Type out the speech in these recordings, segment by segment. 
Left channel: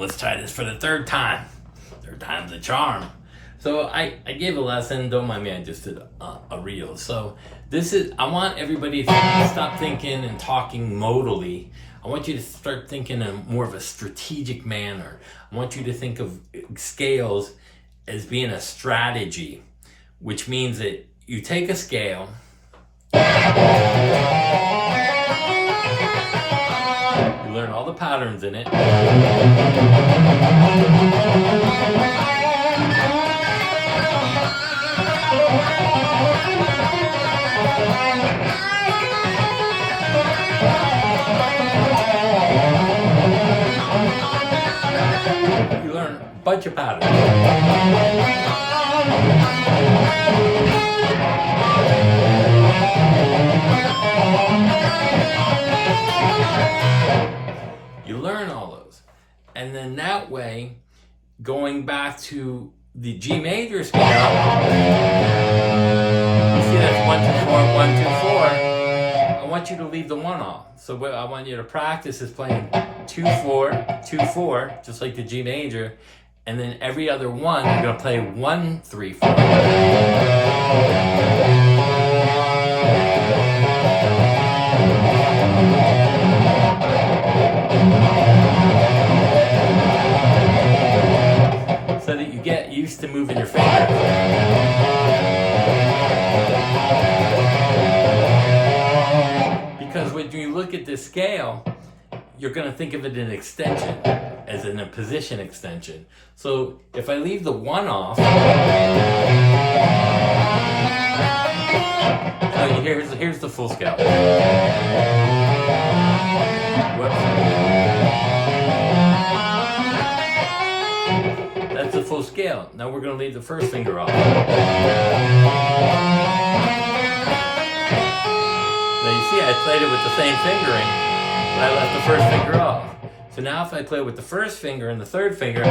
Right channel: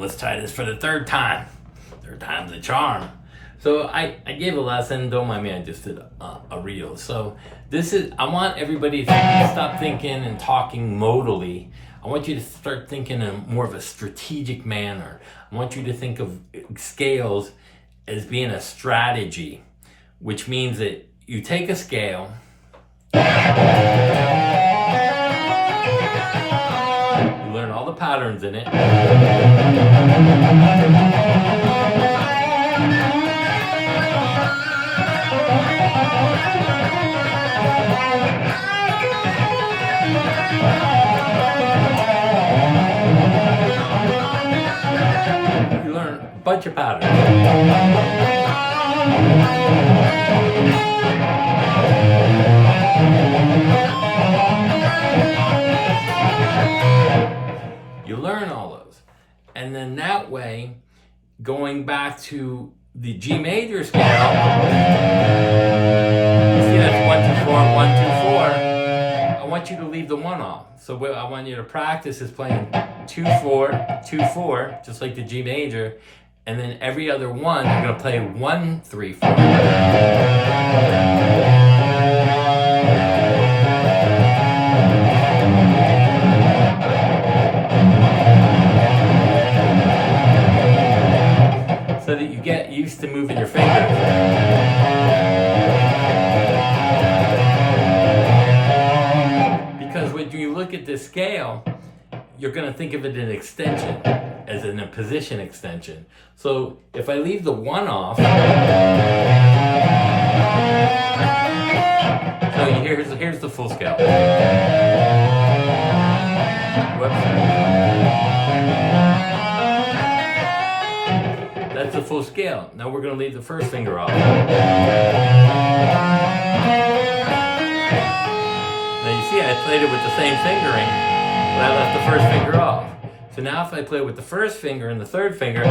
let's try this for the third time. Third time's a charm. So I gave a lesson, don't mind me, I just did a reel. So I want everybody to stop thinking and talking modally. I want you to start thinking in more of a strategic manner. I want you to think of scales as being a strategy, which means that you take a scale, you learn all the patterns in it, you learn a bunch of patterns. You learn all those. And then that way, going back to the G major scale, you see that's 1, 2, 4, 1, 2, 4. I want you to leave the 1 off. So what I want you to practice is playing 2, 4, 2, 4, just like the G major. And then every other one, you're going to play 1, 3, 4. So that you get used to moving your fingers. Because when you look at this scale, you're going to think of it in extension, as in a position extension. So if I leave the 1 off, so here's the full scale. Whoops. That's the full scale. Now we're going to leave the first finger off. Now you see I played it with the same fingering, but I left the first finger off. So now if I play with the first finger and the third finger,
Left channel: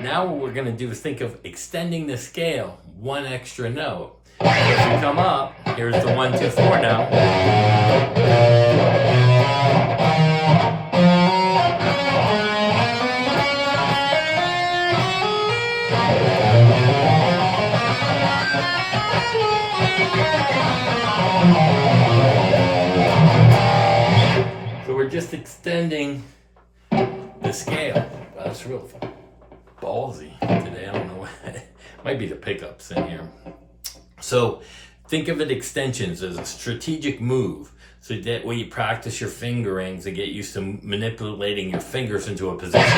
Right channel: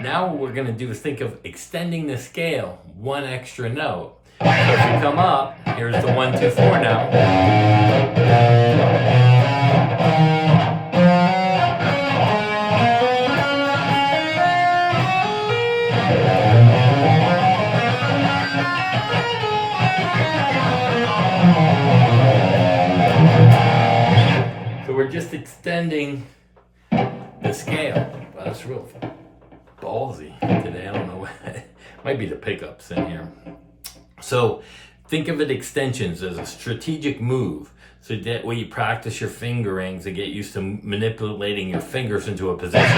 now what we're going to do is think of extending the scale 1 extra note. So if we come up, here's the 1, 2, 4 now. We're just extending the scale. Wow, that's real ballsy today. I don't know. Might be the pickups in here. So think of it extensions as a strategic move. So that way you practice your fingerings and get used to manipulating your fingers into a position.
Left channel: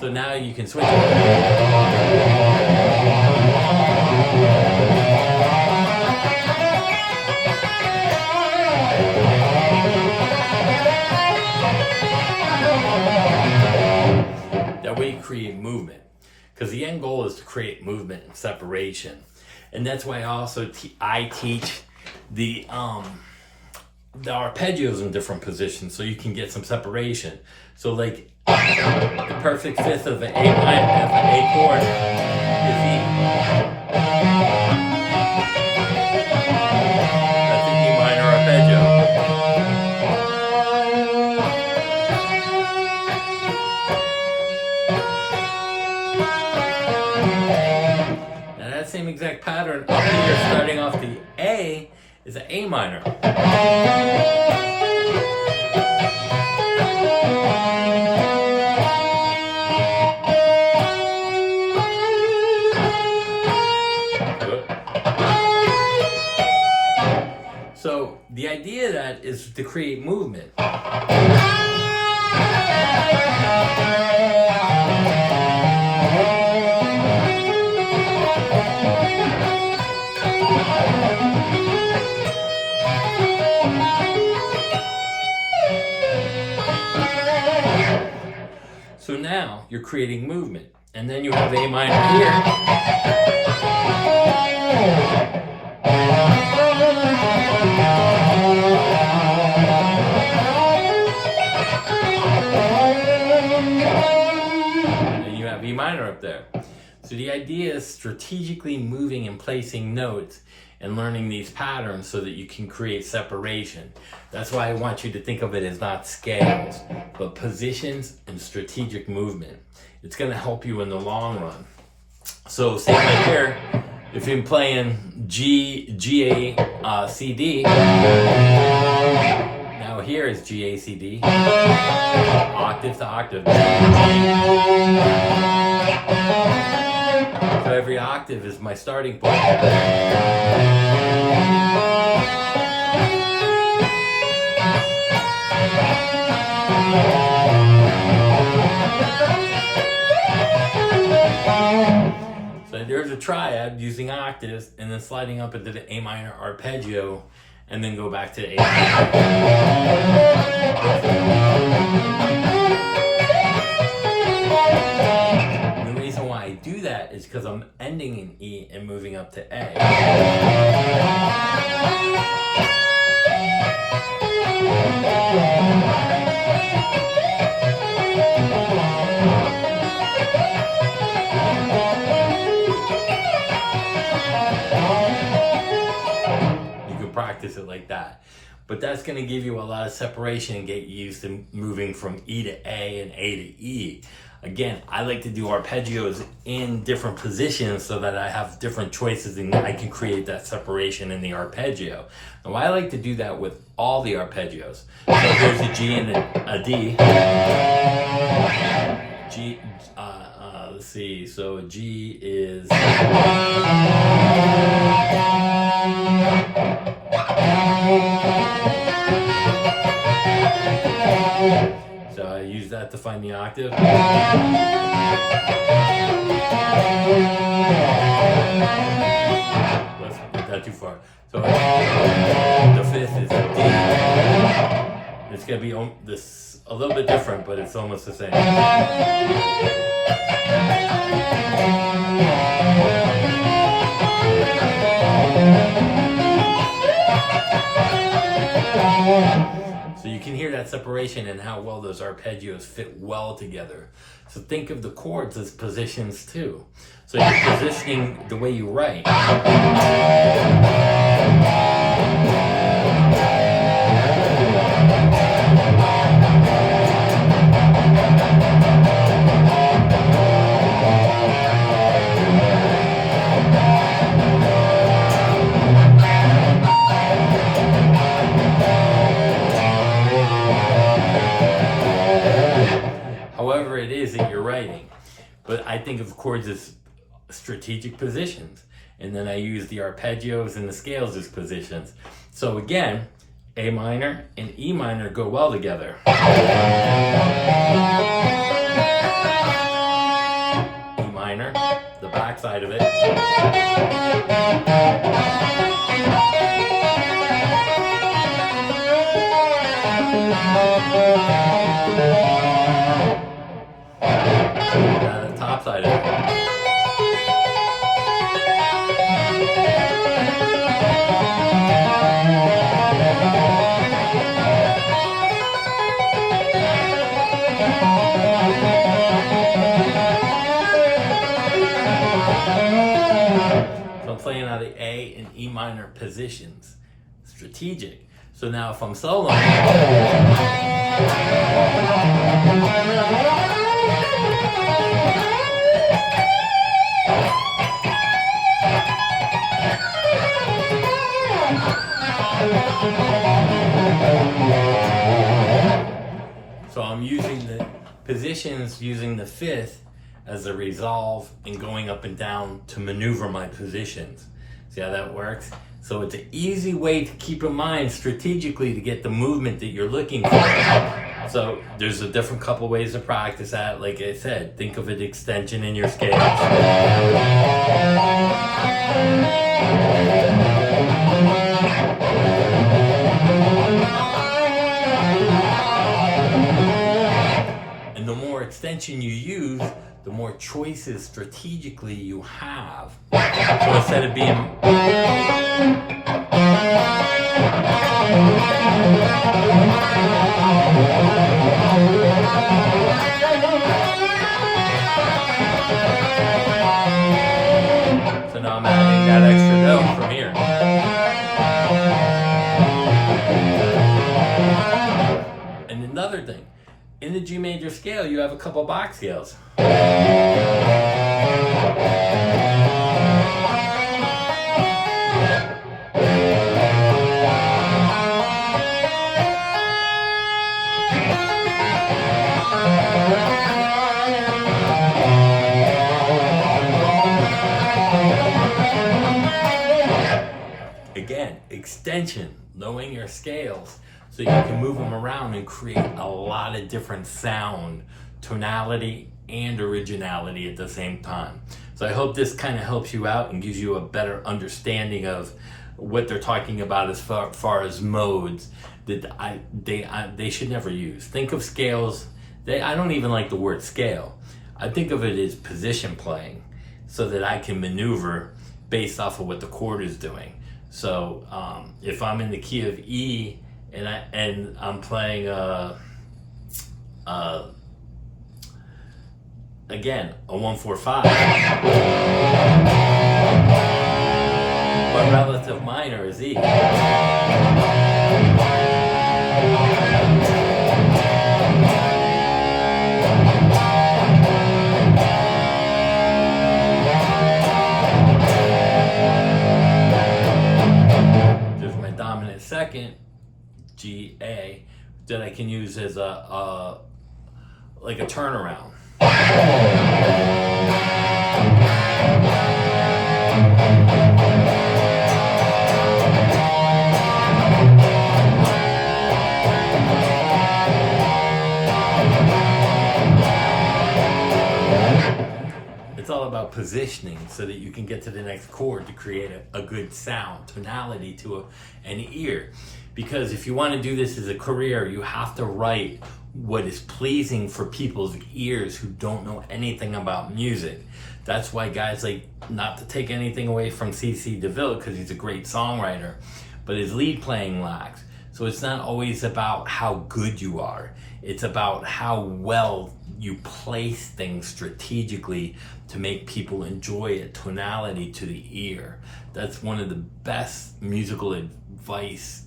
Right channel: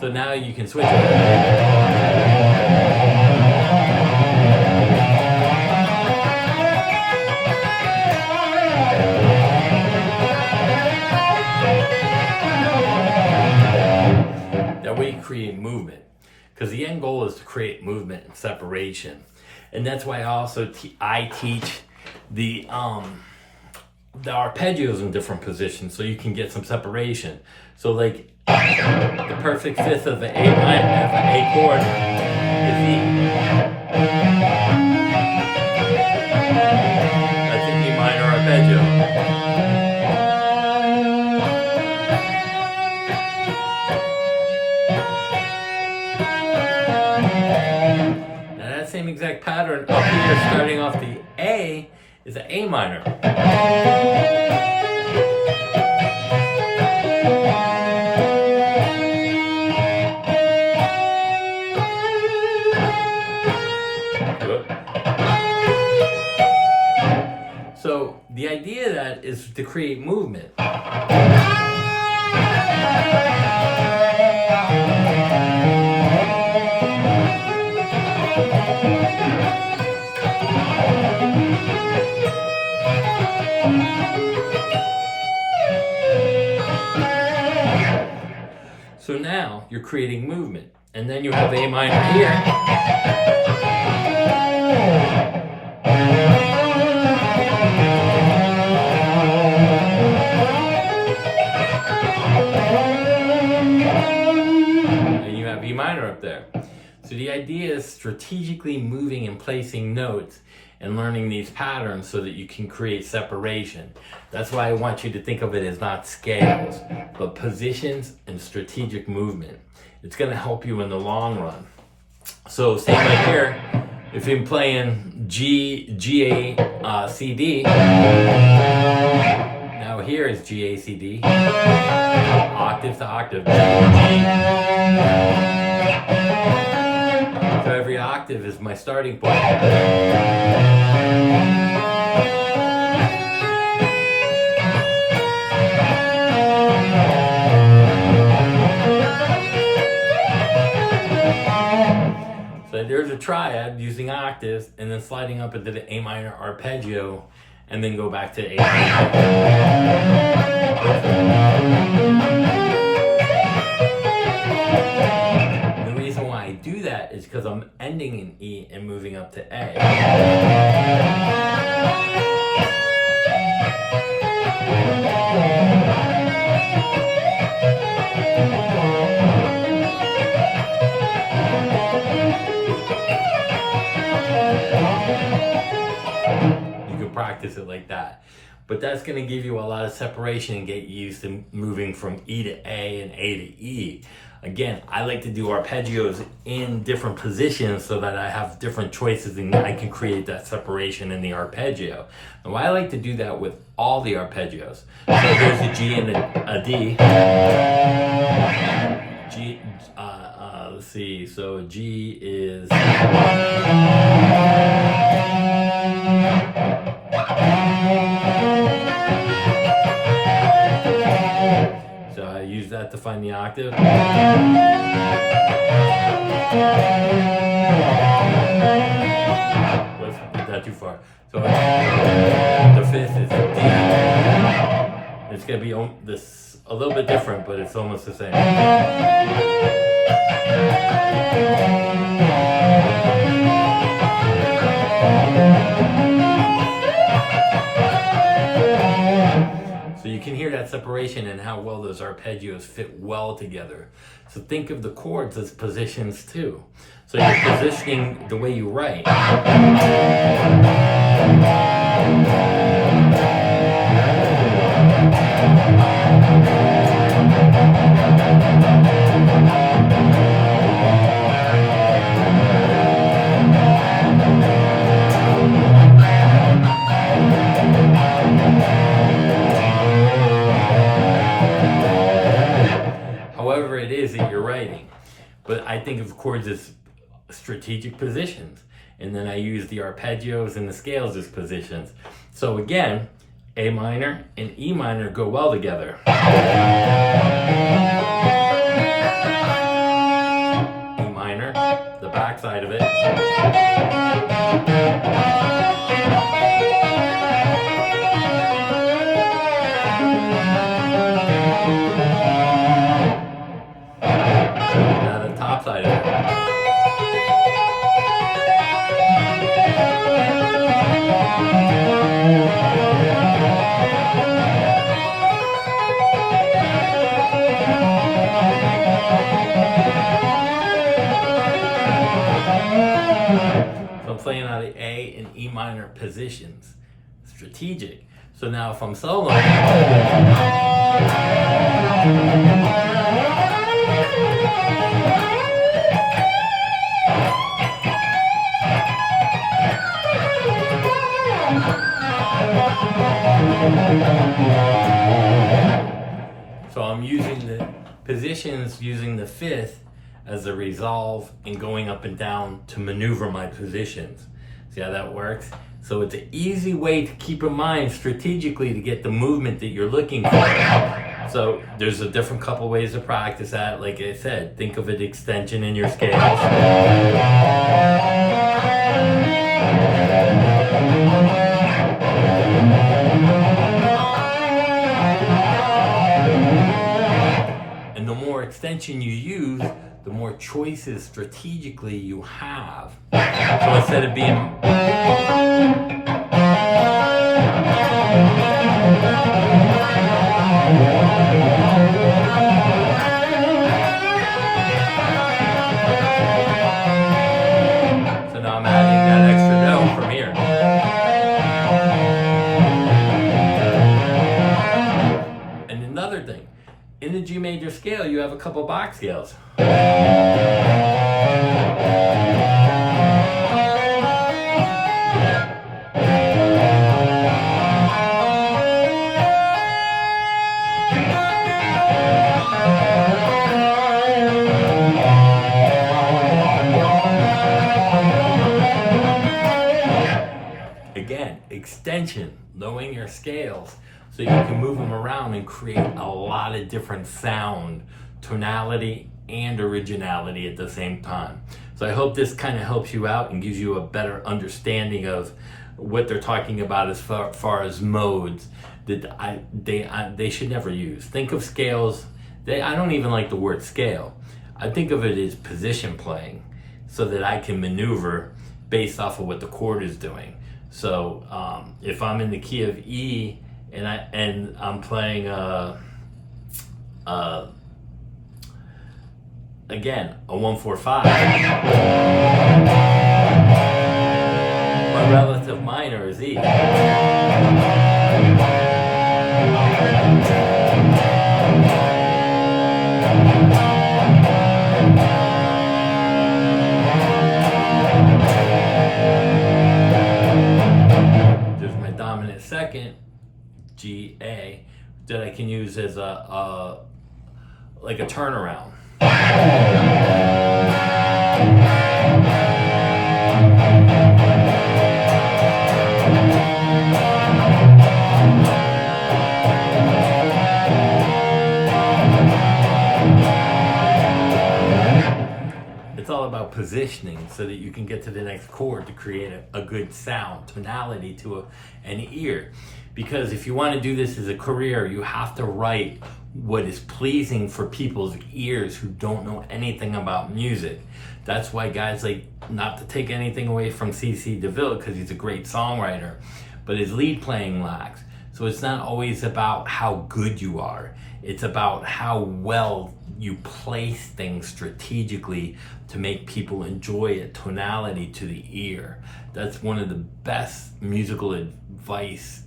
So now you can switch That way you create movement, because the end goal is to create movement and separation. And that's why I teach the arpeggios in different positions, so you can get some separation. So like the perfect fifth of the A chord is E. That's an E minor arpeggio. Same exact pattern up here, starting off the A, is an A minor. So the idea of that is to create movement. So now you're creating movement, and then you have A minor here. And you have E minor up there. So the idea is strategically moving and placing notes, and learning these patterns so that you can create separation. That's why I want you to think of it as not scales, but positions and strategic movement. It's going to help you in the long run. So say right here, if you're playing G, A, C, D, now here is G, A, C, D, octave to octave, G. So every octave is my starting point. So there's a triad using octaves and then sliding up into the A minor arpeggio and then go back to A minor. The reason why I do that is because I'm ending in E and moving up to A. Practice it like that, but that's going to give you a lot of separation and get you used to moving from E to A and A to E. Again, I like to do arpeggios in different positions so that I have different choices and I can create that separation in the arpeggio. And I like to do that with all the arpeggios. So here's a G and a D. G, let's see, so G is so I use that to find the octave. Let's put that too far. So the fifth is a D. It's going to be this a little bit different, but it's almost the same. So you can hear that separation and how well those arpeggios fit well together. So think of the chords as positions too. So you're positioning the way you write. However it is that you're writing. But I think of chords as strategic positions. And then I use the arpeggios and the scales as positions. So again, A minor and E minor go well together. E minor, the back side of it. Now the top side of it. So I'm playing out of A and E minor positions. Strategic. So now if I'm soloing, so I'm using the positions using the fifth as a resolve and going up and down to maneuver my positions. See how that works? So it's an easy way to keep in mind strategically to get the movement that you're looking for. So there's a different couple ways to practice that. Like I said, think of an extension in your scales. And the more extension you use, the more choices strategically you have. So instead of being so now I'm adding that extra note from here. the G major scale, you have a couple box scales. Again, extension, knowing your scales so you can move them around and create a lot of different sound, tonality, and originality at the same time. So I hope this kind of helps you out and gives you a better understanding of what they're talking about as far as modes that they should never use. Think of scales, I don't even like the word scale. I think of it as position playing so that I can maneuver based off of what the chord is doing. So if I'm in the key of E and I'm playing again a 1-4-5, my relative minor is E. Dominant second, G A, that I can use as like a turnaround. It's all about positioning so that you can get to the next chord to create a good sound, tonality to an ear. Because if you want to do this as a career, you have to write what is pleasing for people's ears who don't know anything about music. That's why guys like, not to take anything away from CC DeVille because he's a great songwriter, but his lead playing lacks. So it's not always about how good you are. It's about how well you place things strategically to make people enjoy a tonality to the ear. That's one of the best musical advice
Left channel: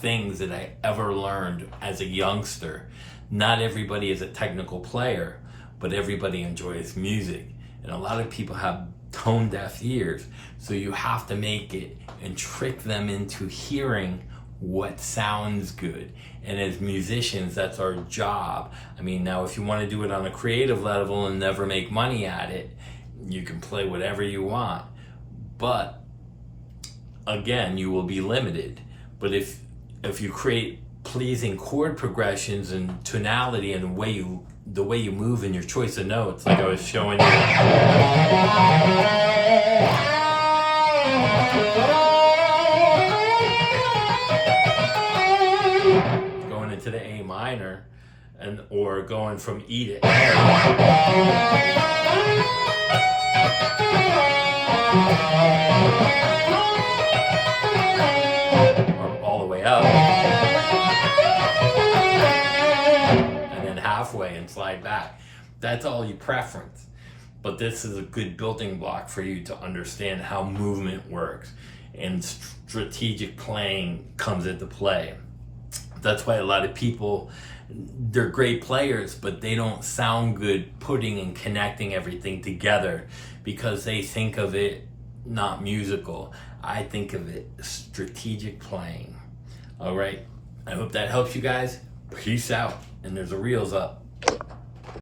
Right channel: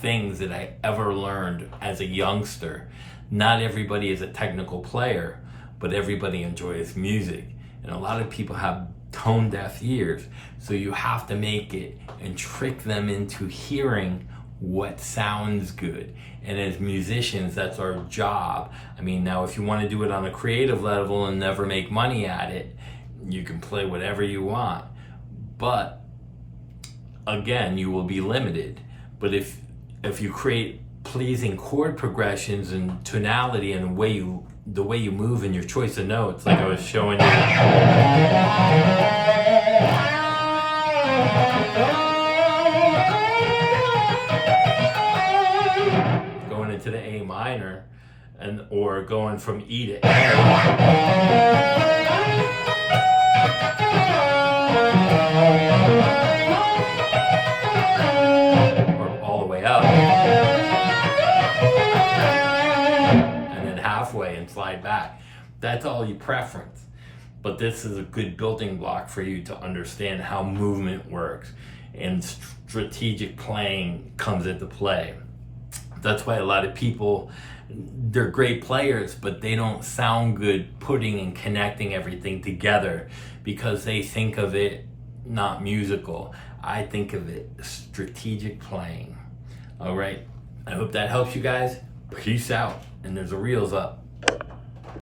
things that I ever learned as a youngster. Not everybody is a technical player, but everybody enjoys music. And a lot of people have tone deaf ears. So you have to make it and trick them into hearing what sounds good. And as musicians, that's our job. I mean, now if you want to do it on a creative level and never make money at it, you can play whatever you want. But again, you will be limited. But if you create pleasing chord progressions and tonality and the way you move and your choice of notes, like I was showing you. Going into the A minor or going from E to A. Or all the way up. And then halfway and slide back. That's all you preference. But this is a good building block for you to understand how movement works and strategic playing comes into play. That's why a lot of people, they're great players, but they don't sound good putting and connecting everything together because they think of it not musical. I think of it strategic playing. All right. I hope that helps you guys. Peace out. And there's a reels up.